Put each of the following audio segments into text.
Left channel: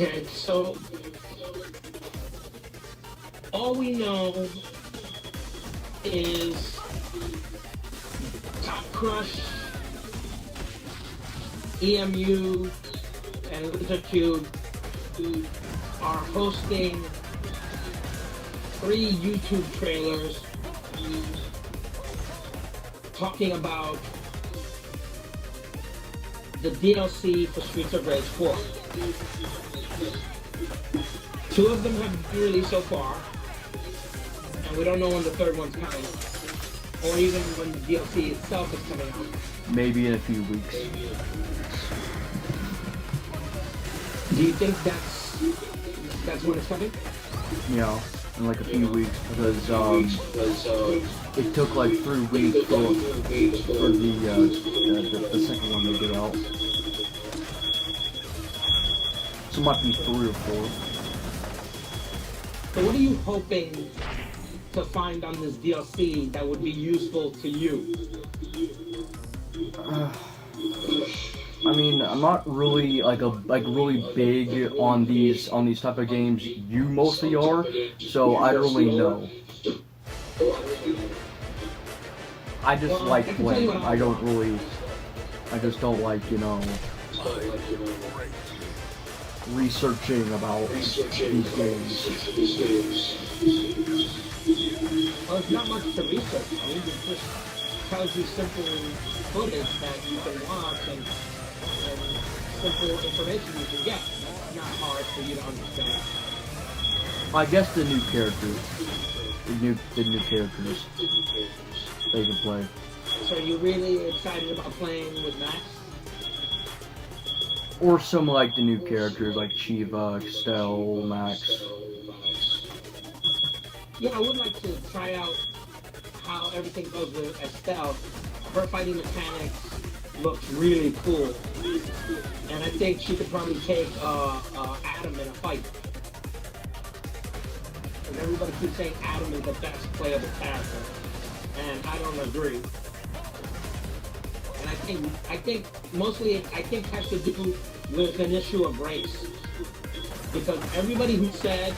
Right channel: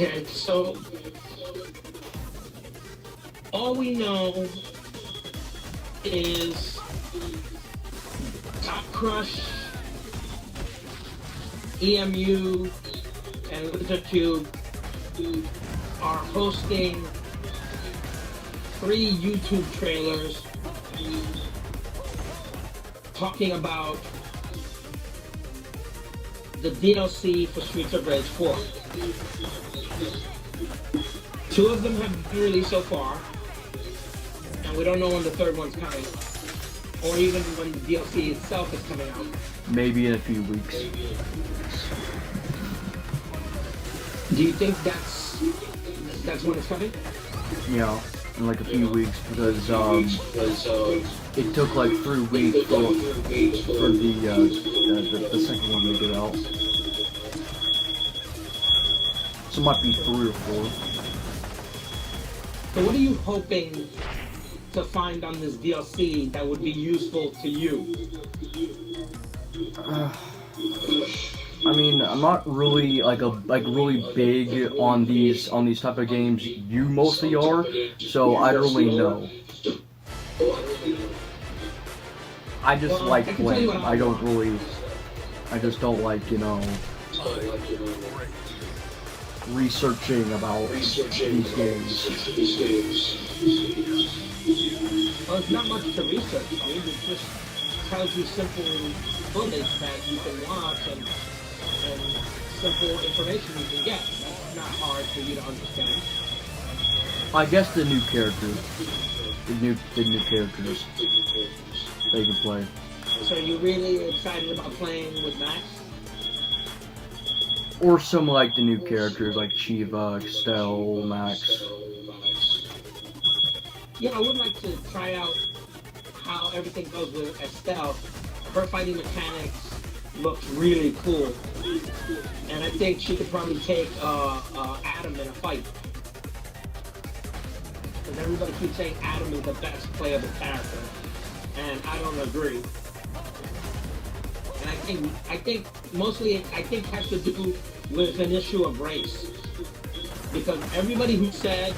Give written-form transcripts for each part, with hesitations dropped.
Okay, so all we know is Top Crush, EMU, and LizardCube are hosting 3 YouTube trailers talking about the DLC for Streets of Rage 4. 2 of them have been released so far, and we don't know when the 3rd one's coming, or even when the DLC itself is coming out. Maybe in a few weeks. Do you think that's when it's coming? Yeah, in like a few weeks, because it took like 3 weeks for the second one to get out. So it might be 3 or 4. So what are you hoping to find on this DLC that would be useful to you? I mean, I'm not really really big on these type of games. You mostly are, so I don't really know. I just like playing. I just don't like, researching about these games. Well, it's not much to research. I mean, it just tells you simple footage that you can watch and simple information you can get. It's not hard for you to understand. I guess the new characters, the new characters they can play. So you're really excited about playing with Max? Or some like the new characters like Shiva, Estelle, Max. Yeah, I would like to try out how everything goes with Estelle. Her fighting mechanics looks really cool. And I think she could probably take Adam in a fight. And everybody keeps saying Adam is the best playable character. And I don't agree. And I think mostly it has to do with an issue of race. Because everybody who said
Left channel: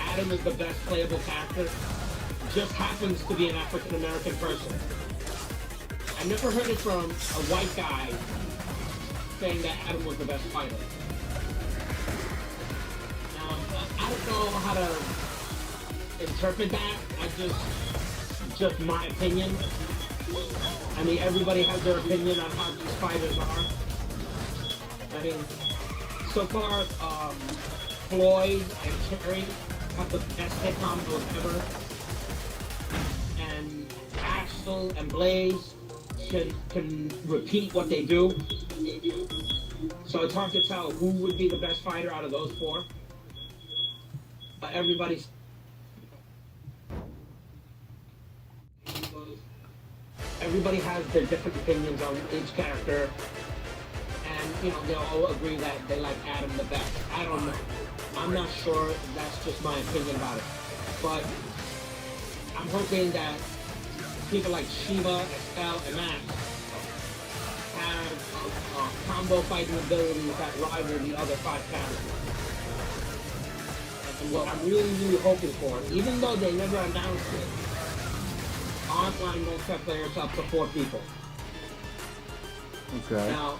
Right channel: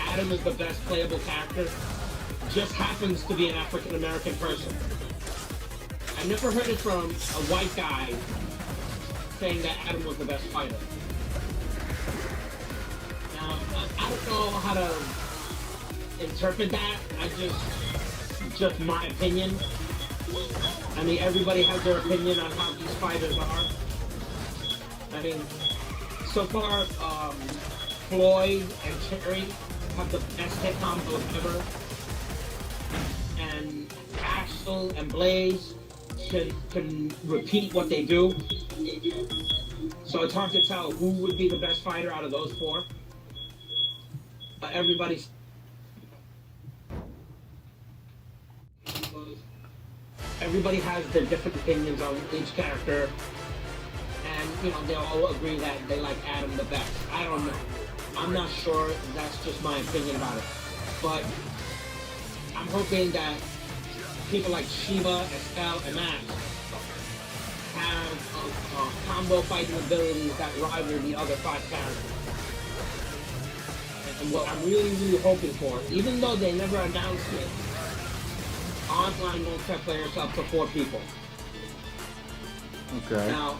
Adam is the best playable character just happens to be an African American person. I never heard it from a white guy saying that Adam was the best fighter. I don't know how to interpret that. Just my opinion. I mean, everybody has their opinion on how these fighters are. I mean, so far, Floyd and Cherry have the best hit combos ever. And Axel and Blaze can repeat what they do. So it's hard to tell who would be the best fighter out of those 4. Everybody has their different opinions on each character, and they'll all agree that they like Adam the best. I don't know. I'm not sure. That's just my opinion about it. But I'm hoping that people like Shiva, Estelle, and Max have combo fighting abilities that rival the other 5 characters. And what I'm really, really hoping for, even though they never announced it, online multiplayer up to 4 people. Okay. Now,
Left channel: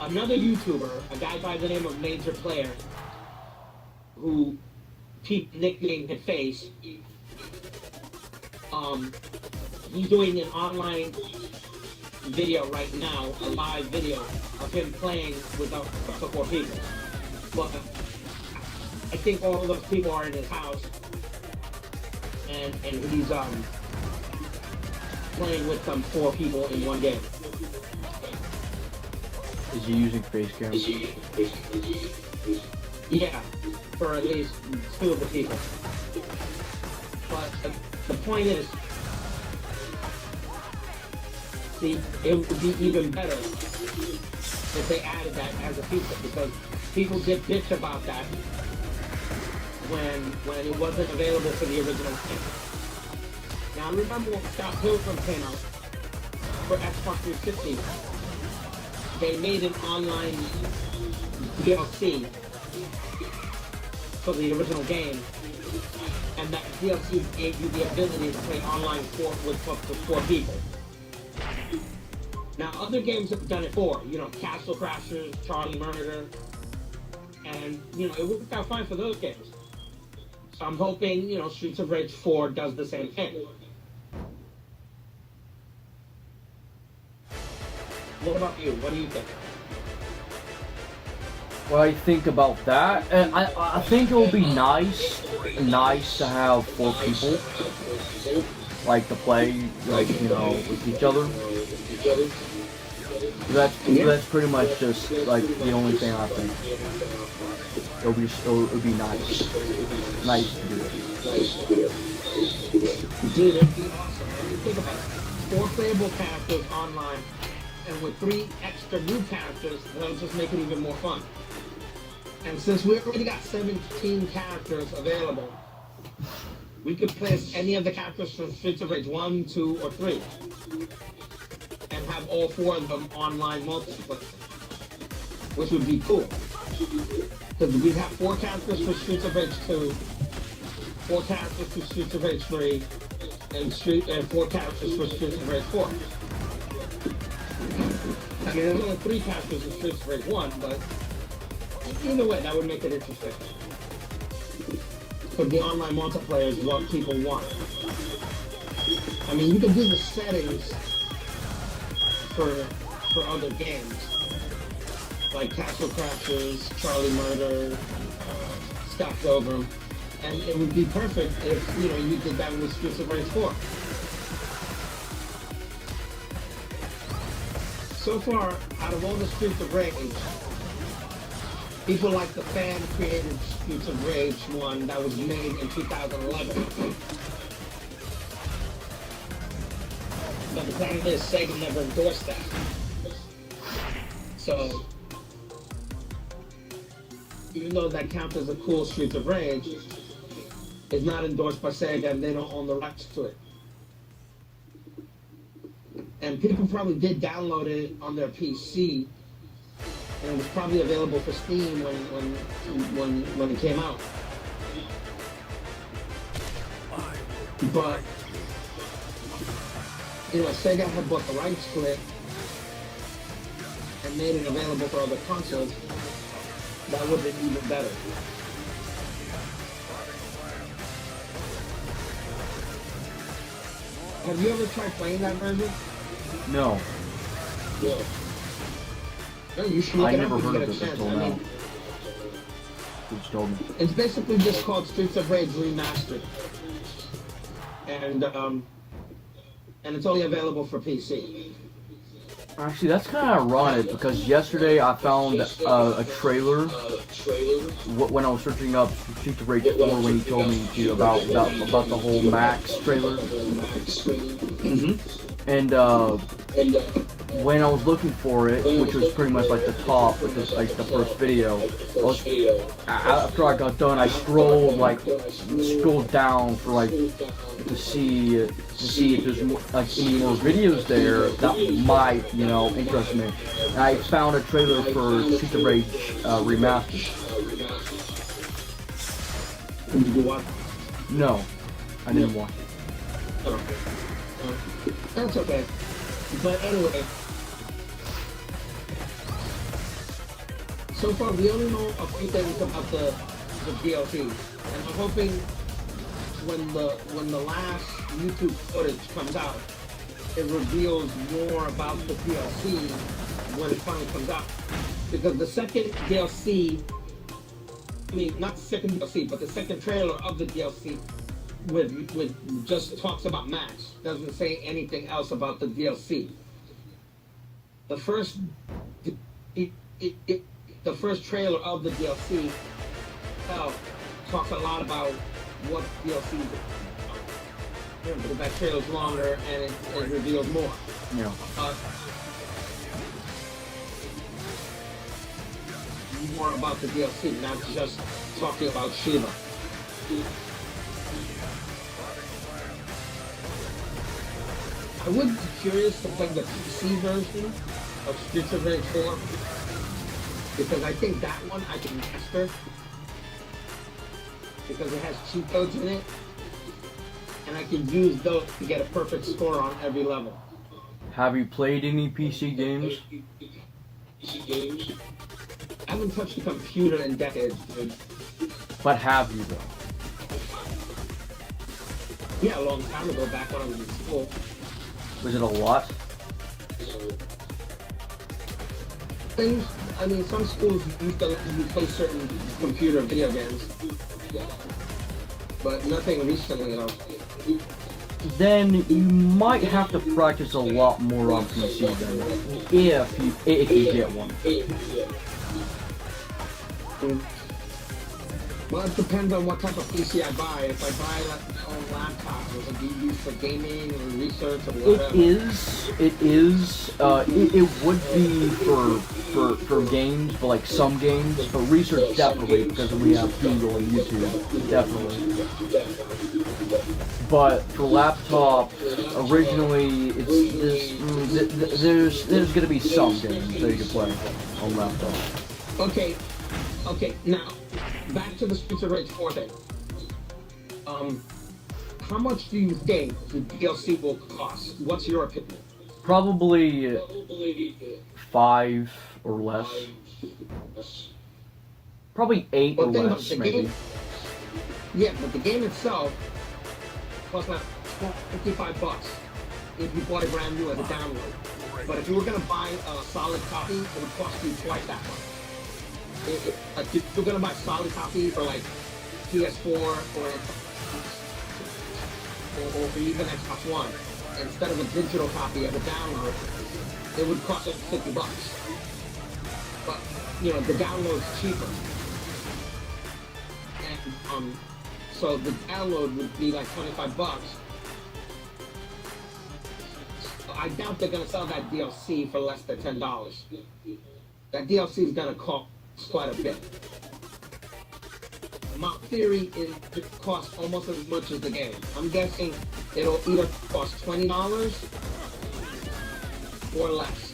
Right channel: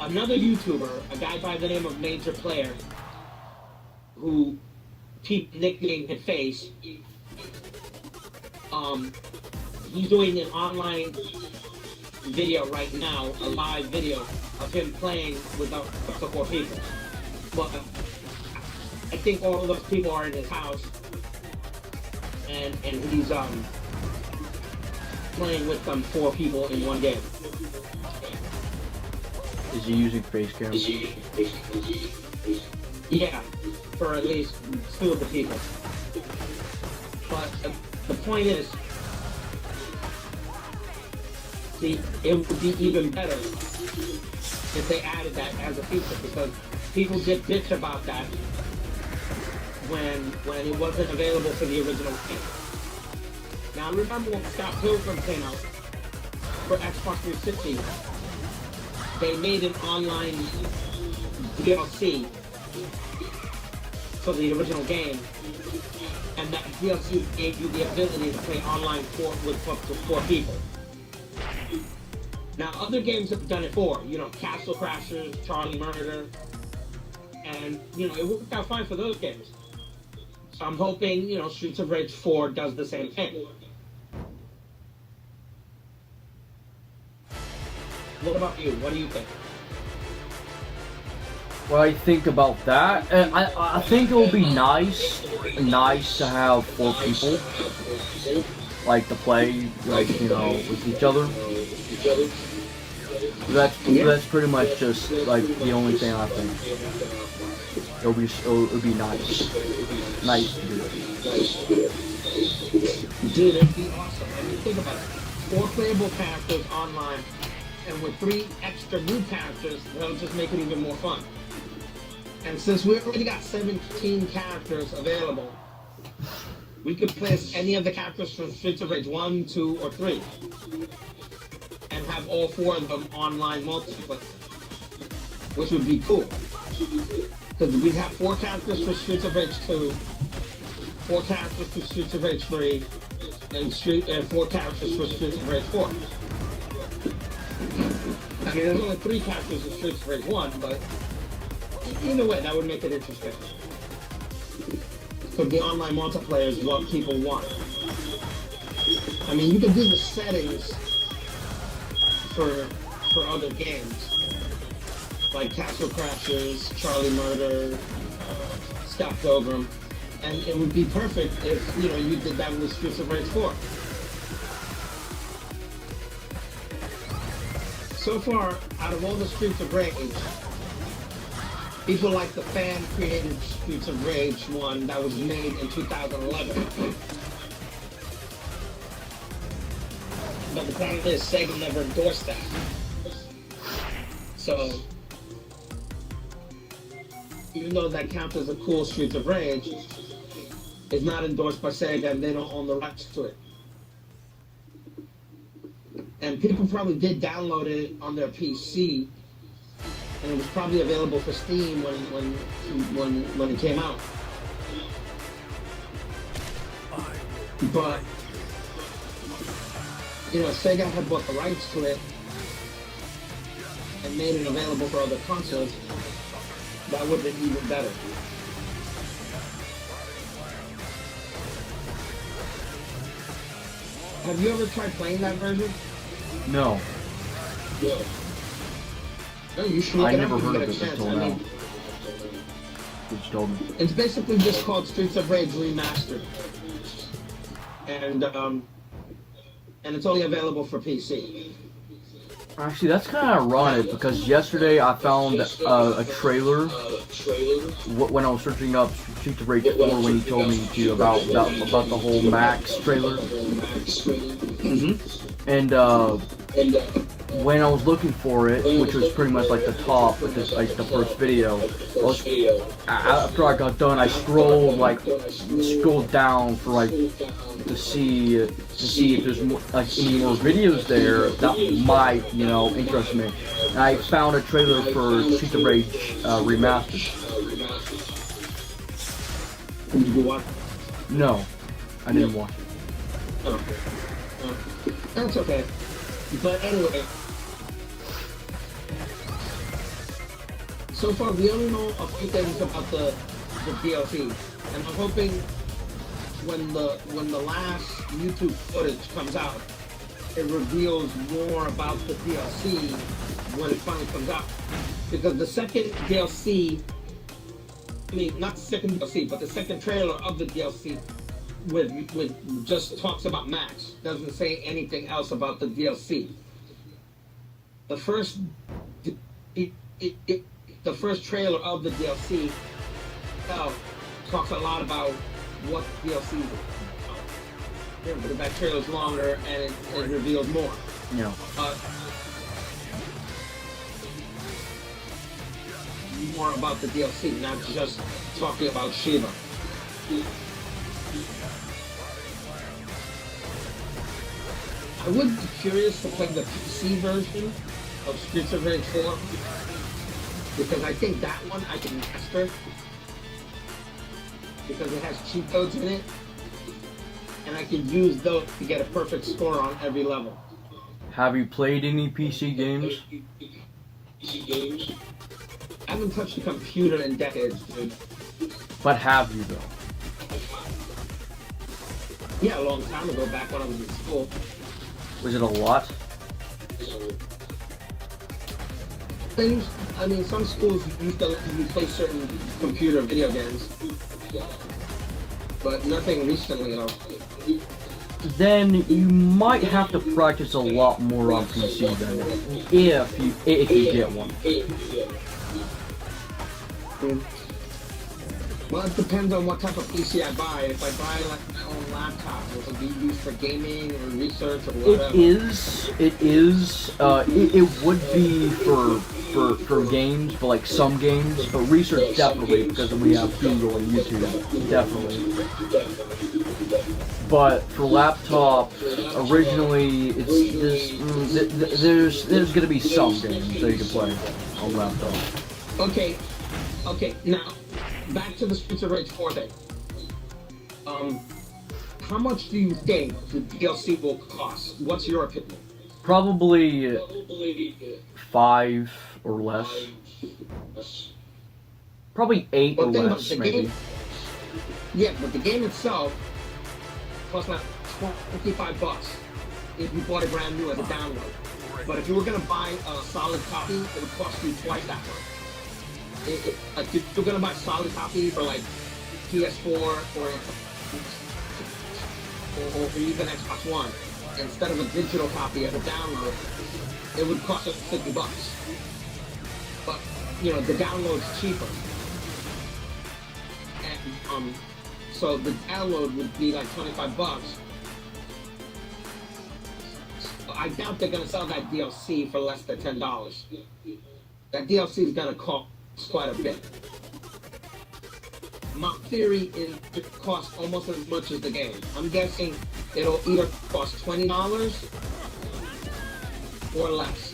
another YouTuber, a guy by the name of Major Player, who nicknamed his face, he's doing an online video right now, a live video of him playing with up to 4 people. But I think all of those people are in his house, and he's playing with some 4 people in one day. Is he using face cam? Yeah, for at least 2 of the people. But the point is, it would be even better if they added that as a feature, because people did bitch about that when it wasn't available for the original game. Now remember when Scott Pilgrim came out for Xbox 360, they made an online DLC for the original game, and that DLC gave you the ability to play online with up to 4 people. Now, other games have done it for, Castle Crashers, Charlie Murder, and, it worked out fine for those games. So I'm hoping, Streets of Rage 4 does the same thing. What about you? What do you think? What I think about that, I think it'll be nice to have 4 people, like, to play, with each other. That's pretty much just, like, the only thing I think. It'll be nice. Nice to do it. Dude, it'd be awesome. When you think about it, 4 playable characters online, and with 3 extra new characters, that'll just make it even more fun. And since we've already got 17 characters available, we could play as any of the characters from Streets of Rage 1, 2, or 3. And have all 4 of them online multiplayer. Which would be cool. Because we have 4 characters for Streets of Rage 2, 4 characters for Streets of Rage 3, and 4 characters for Streets of Rage 4. I mean, there's only 3 characters in Streets of Rage 1, but either way, that would make it interesting. But the online multiplayer is what people want. I mean, you can do the settings for other games. Like Castle Crashers, Charlie Murder, Scott Pilgrim. And it would be perfect if, you did that with Streets of Rage 4. So far, out of all the Streets of Rage, people like the fan-created Streets of Rage one that was made in 2011. But the problem is, Sega never endorsed that. So, even though that counts as a cool Streets of Rage, it's not endorsed by Sega and they don't own the rights to it. And people probably did download it on their PC, and it was probably available for Steam when it came out. But Sega had bought the rights to it and made it available for other consoles. That would have been even better. Have you ever tried playing that version? No. Yeah. No, you should I never heard of it until now. It's basically just called Streets of Rage Remastered. And it's only available for PC. Actually, that's kind of ironic because yesterday I found a trailer when I was searching up Streets of Rage 4 when you told me about the whole Max trailer. And when I was looking for it, which was pretty much like the top, like the first video, after I got done, I scrolled down for like to see if there's more, like any more videos there that might interest me. And I found a trailer for Streets of Rage Remastered. Did you watch it? No, I didn't watch it. Oh. That's okay. But anyway, so far we only know a few things about the DLC, and I'm hoping when the last YouTube footage comes out, it reveals more about the DLC when it finally comes out. Because the second DLC, not the second DLC, but the second trailer of the DLC with just talks about Max, doesn't say anything else about the DLC. The first trailer of the DLC talks a lot about what the DLC is. Because that trailer's longer and it reveals more. Yeah. More about the DLC, not just talking about Shiva. I would be curious to play the PC version of Streets of Rage 4. because I think that one I can master because it has cheat codes in it, and I can use those to get a perfect score on every level. Have you played any PC games? I haven't touched a computer in decades, dude. But have you though? Yeah, a long time ago, back when I was in school. Was it a lot? Things, I mean, some schools used to let you play certain computer video games. Yeah. But nothing recently, though. Then you might have to practice a lot more on PC then, if you get one. Well, it depends on what type of PC I buy. If I buy like my own laptop, or something used for gaming or research or whatever. It would be for games, but like some games, but research definitely, because then we have Google and YouTube, definitely. But for laptop, originally, there's gonna be some games that you can play on laptop. Okay, now, back to the Streets of Rage 4 thing. How much do you think the DLC will cost? What's your opinion? Probably 5 or less. Probably 8 or less, maybe. Yeah, but the game itself costs like $55 if you bought it brand new as a download. But if you were gonna buy a solid copy, it would cost you twice that much. If you're gonna buy a solid copy for like PS4 or for using Xbox One, instead of a digital copy as a download, it would cost us $50. But you know, the download's cheaper. And so the download would be like $25. So I doubt they're gonna sell that DLC for less than $10. That DLC is gonna cost quite a bit. My theory is it costs almost as much as the game. I'm guessing it'll either cost $20 or less.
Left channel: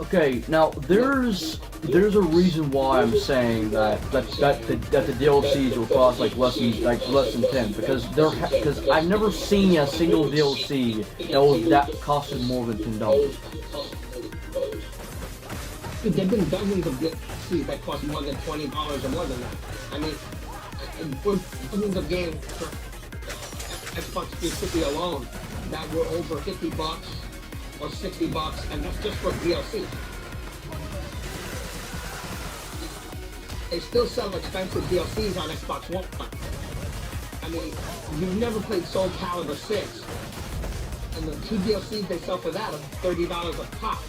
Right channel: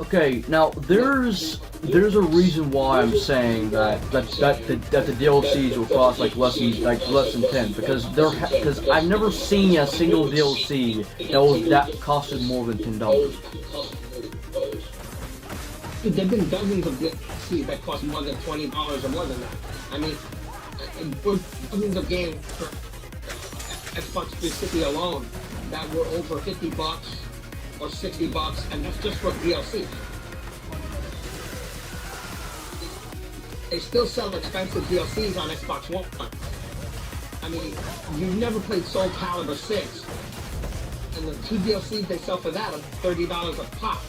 Okay, now there's a reason why I'm saying that the DLCs will cost like less than 10 because I've never seen a single DLC that costed more than $10. There have been dozens of DLCs that cost more than $20 or more than that. I mean, it was dozens of games for Xbox 360 alone that were over $50 or $60, and that's just for DLC. They still sell expensive DLCs on Xbox One. I mean, you've never played Soul Calibur 6, and the 2 DLCs they sell for that are $30 a pop.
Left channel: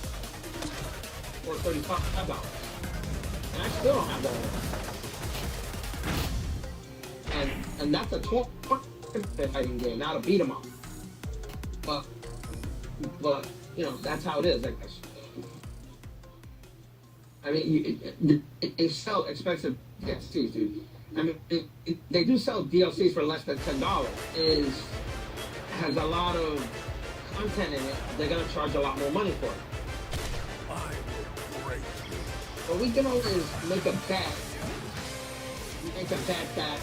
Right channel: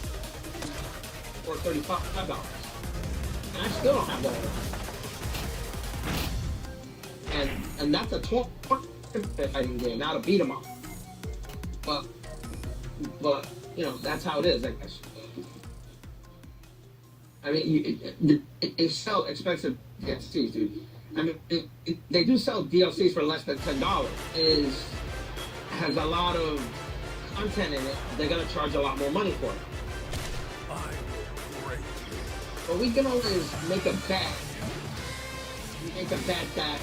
Or $35. And I still don't have that. And that's a 12-fighting game, not a beat 'em up. But you know, that's how it is, I guess. I mean, they sell expensive DLCs, dude. I mean, they do sell DLCs for less than $10. It has a lot of content in it. They're gonna charge a lot more money for it. I will break you. But we can always make a bet. Make a bet that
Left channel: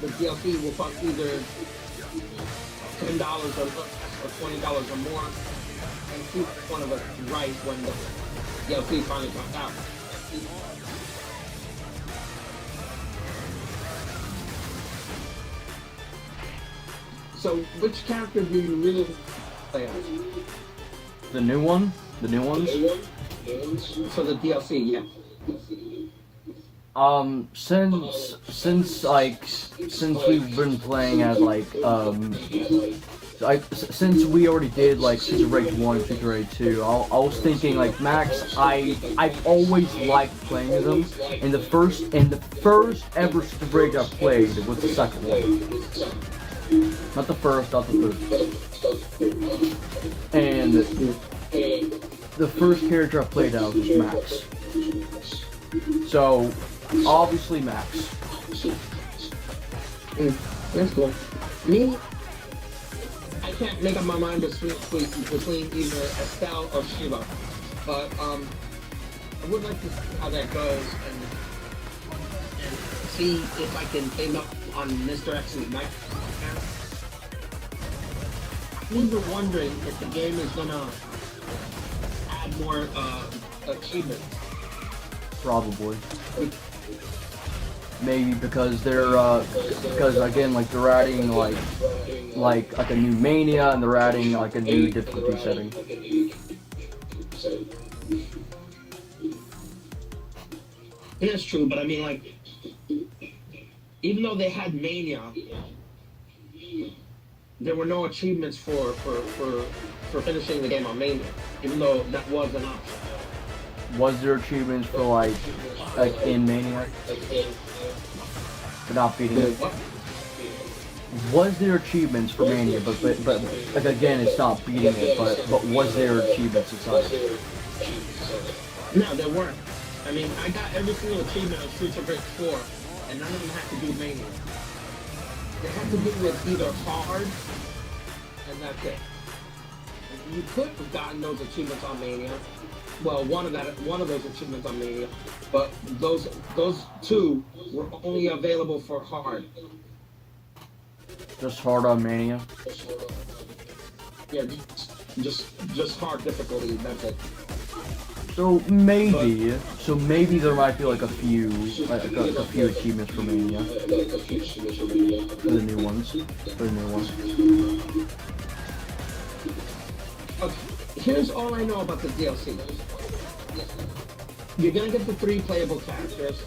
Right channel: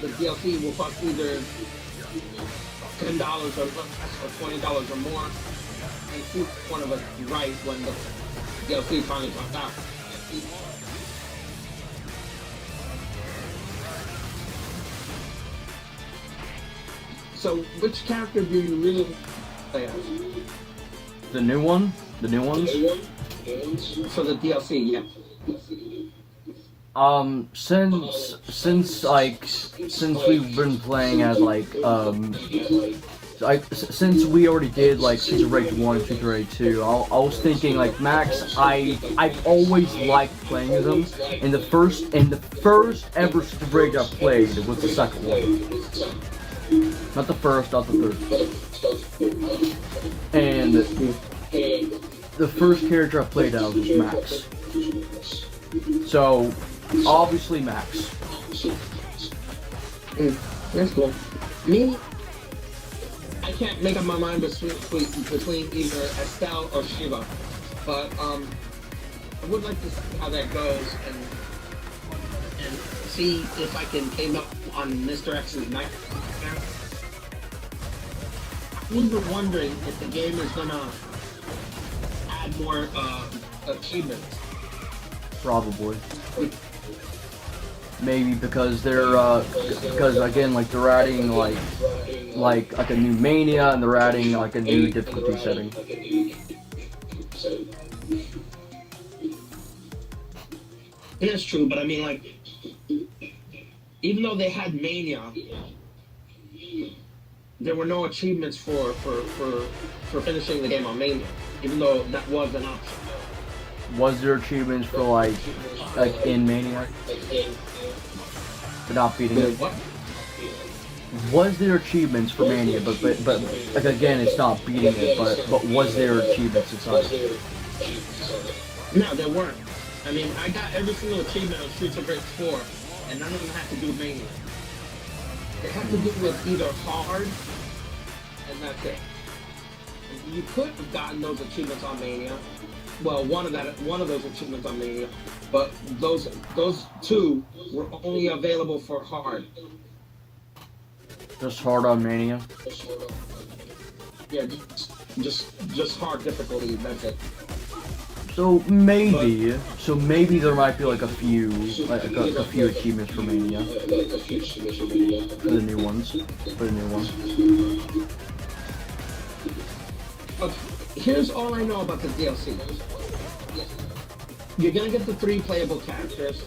the DLC will cost either $10 or $20 or more. And see if one of us is right when the DLC finally comes out. So, which character do you really play as? The new one? The new ones? For the DLC, yeah. Since we've been playing as since we already did like Streets of Rage 1 and Streets of Rage 2, I was thinking like Max, I've always liked playing as him, and the first ever Streets of Rage I played was the second one. Not the first, not the third. And the first character I played as was Max. So, obviously Max. That's cool. Me, I can't make up my mind between either Estelle or Shiva. But would like to see how that goes and see if I can aim up on Mr. X's knife. I'm even wondering if the game is gonna add more achievements. Probably. Maybe because they're because again, like they're adding like a new mania, and they're adding like a new difficulty setting. It is true, but I mean, like, even though they had mania, there were no achievements for finishing the game on mania, even though that was an option. Was there achievements for like in mania? For not beating it? Was there achievements for mania? But like again, it's not beating it. But was there achievements inside? No, there weren't. I mean, I got every single achievement of Streets of Rage 4, and none of them have to do with mania. They have to do with either hard, and that's it. You could have gotten those achievements on mania. Well, one of those achievements on mania, but those two were only available for hard. Just hard on mania. Yeah, just hard difficulty. That's it. So maybe there might be like a few achievements for mania. For the new ones. Here's all I know about the DLC. You're gonna get the 3 playable characters.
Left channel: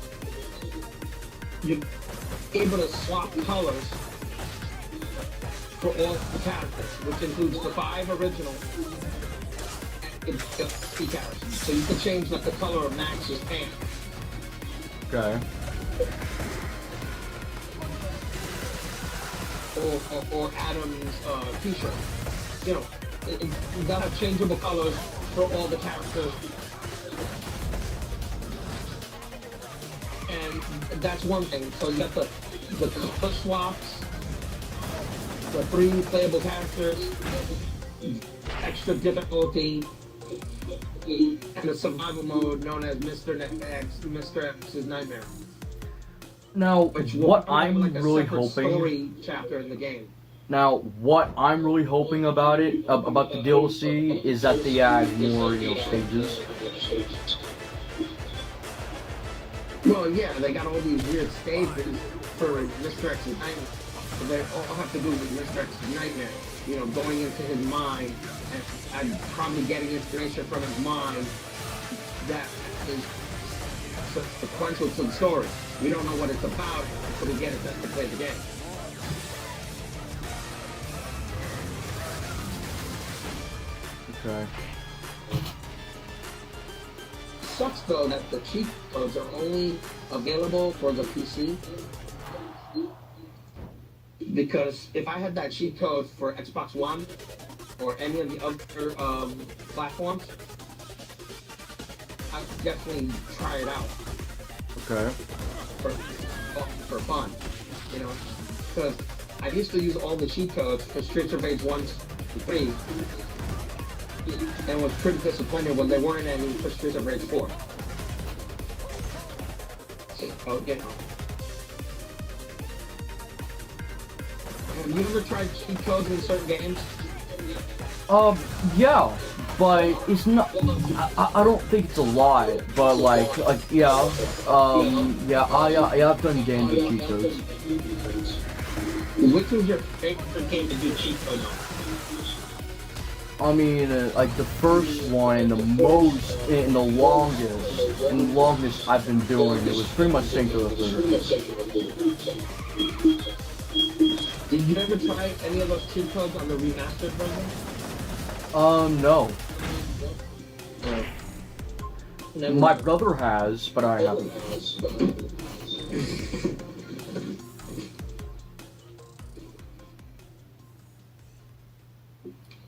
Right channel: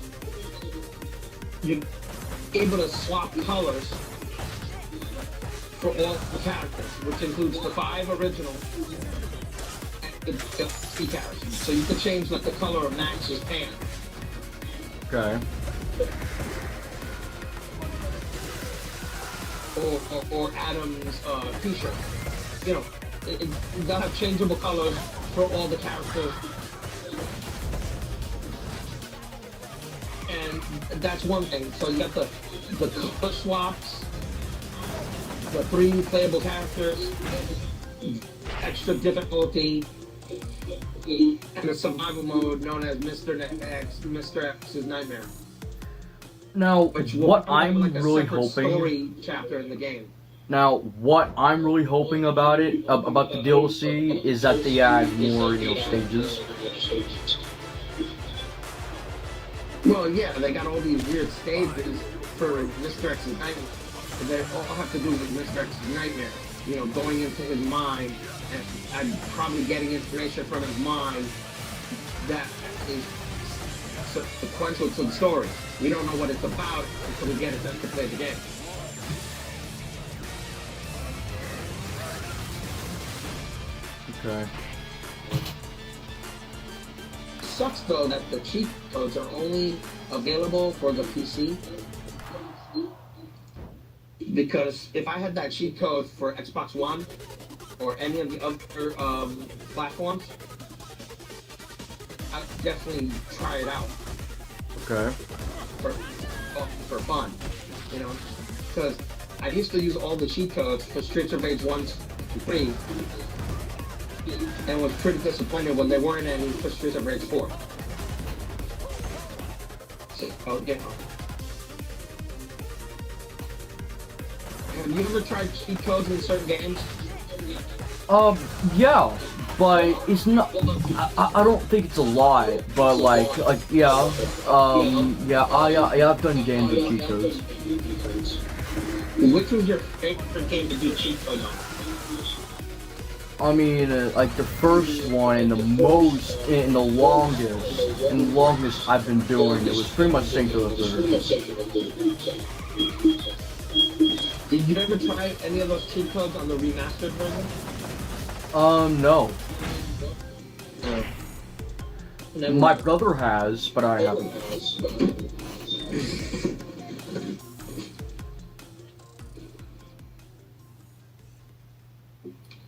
You're able to swap colors for all the characters, which includes the 5 original key characters. So you can change like the color of Max's pants. Okay. Or Adam's t-shirt. You know, you gotta have changeable colors for all the characters. And that's one thing. So you got the color swaps, the 3 playable characters, extra difficulty, and a survival mode known as Mr. X's Nightmare. Now, what I'm like really hoping. Story chapter in the game. Now, what I'm really hoping about the DLC, is that they add more, stages. Well, yeah, they got all these weird stages for Mr. X's Nightmare. They all have to do with Mr. X's Nightmare. You know, going into his mind and probably getting inspiration from his mind that is sequential to the story. You don't know what it's about until you get it to play the game. Okay. Sucks though that the cheat codes are only available for the PC. Because if I had that cheat code for Xbox One or any of the other platforms, I would definitely try it out. Okay. For fun, because I used to use all the cheat codes for Streets of Rage 1 and 3, and was pretty disappointed when there weren't any for Streets of Rage 4. So, Have you ever tried cheat codes in certain games? Yeah, but it's not. I don't think it's a lie, but yeah, I've done games with cheat codes. Which was your favorite game to do cheat codes on? I mean, like the first one and the longest I've been doing it was pretty much Sync to the Third. Did you ever try any of those cheat codes on the remastered version? No. My brother has, but I haven't.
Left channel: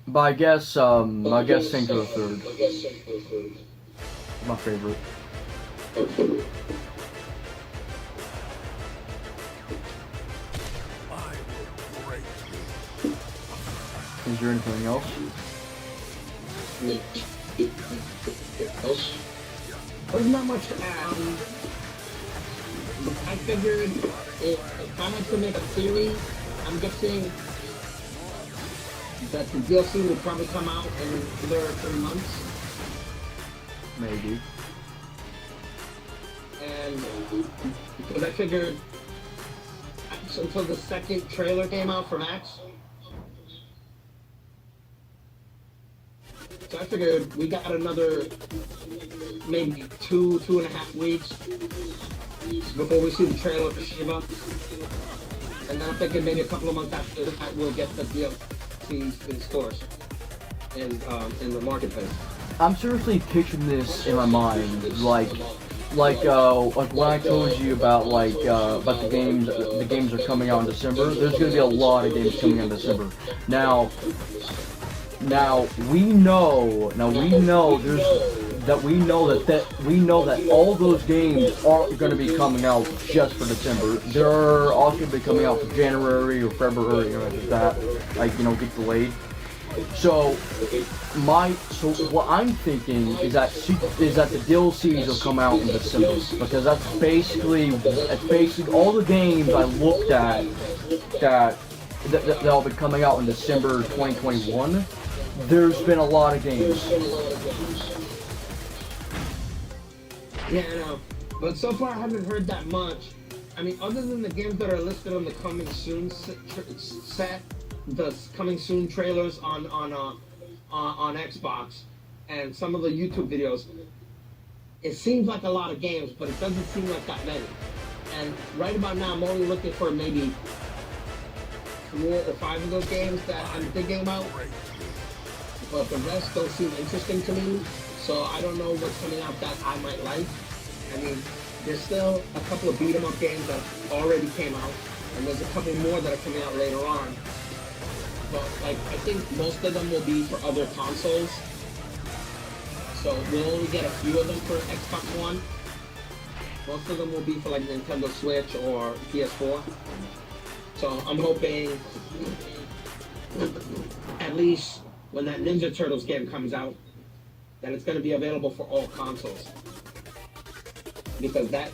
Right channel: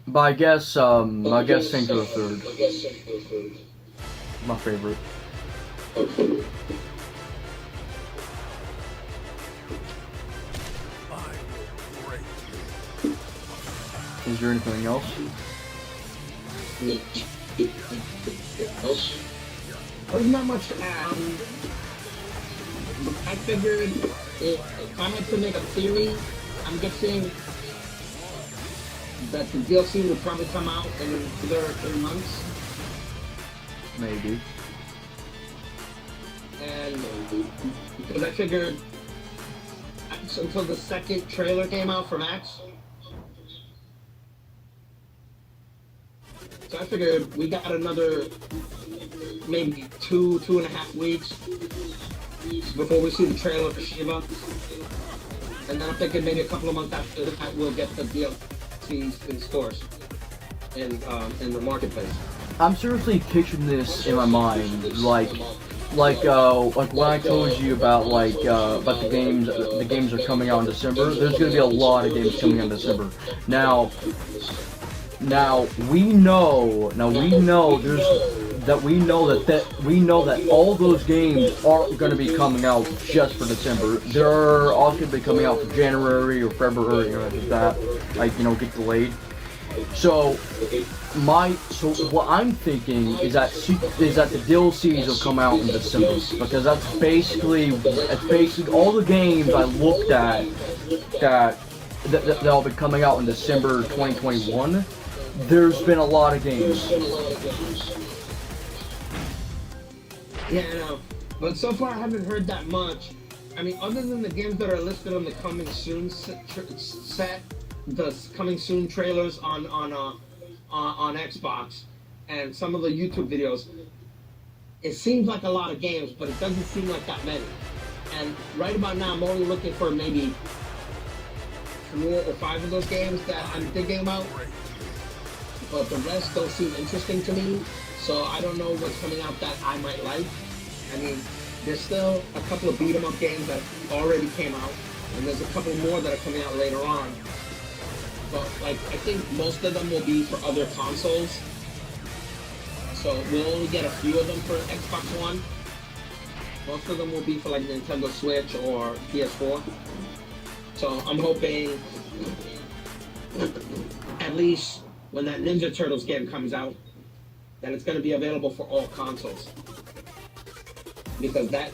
But I guess Sync to the Third. My favorite. I will break you. Is there anything else? there's not much to add. I figured if I had to make a theory, I'm guessing that the DLC will probably come out in 3 months. Maybe. And because I figured until the second trailer came out for Max, so I figured we got another maybe 2.5 weeks before we see the trailer for Shiva. And then I'm thinking maybe a couple of months after that we'll get the DLC in stores in the marketplace. I'm seriously picturing this in my mind, like when I told you about the games are coming out in December. There's going to be a lot of games coming out in December. Now we know that all those games aren't going to be coming out just for December. They're also going to be coming out for January or February or like that, get delayed. So what I'm thinking is that the DLCs will come out in December, because that's basically all the games I looked at that'll be coming out in December 2021. There's been a lot of games. Yeah, I know. But so far I haven't heard that much. I mean, other than the games that are listed on the coming soon set, the coming soon trailers on Xbox, and some of the YouTube videos, it seems like a lot of games, but it doesn't seem like that many. And right about now, I'm only looking for maybe 4 or 5 of those games that are thinking about. But the rest don't seem interesting to me, so I don't know what's coming out that I might like. I mean, there's still a couple of beat-em-up games that already came out, and there's a couple more that are coming out later on. But I think most of them will be for other consoles. So we'll only get a few of them for Xbox One. Most of them will be for Nintendo Switch or PS4. So I'm hoping at least when that Ninja Turtles game comes out, that it's going to be available for all consoles. Because that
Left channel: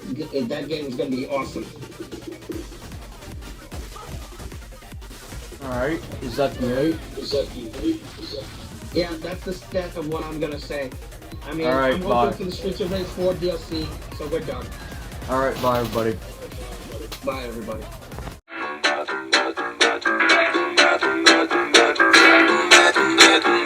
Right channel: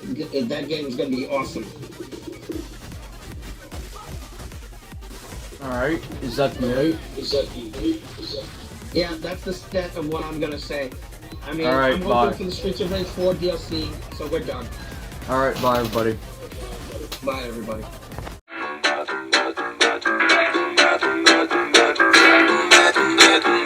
game is going to be awesome. Alright, is that good? Yeah, that's the extent of what I'm going to say. I mean, Alright, I'm bye. hoping for the Streets of Rage 4 DLC, so we're done. Alright, bye everybody. Bye, everybody. Nothing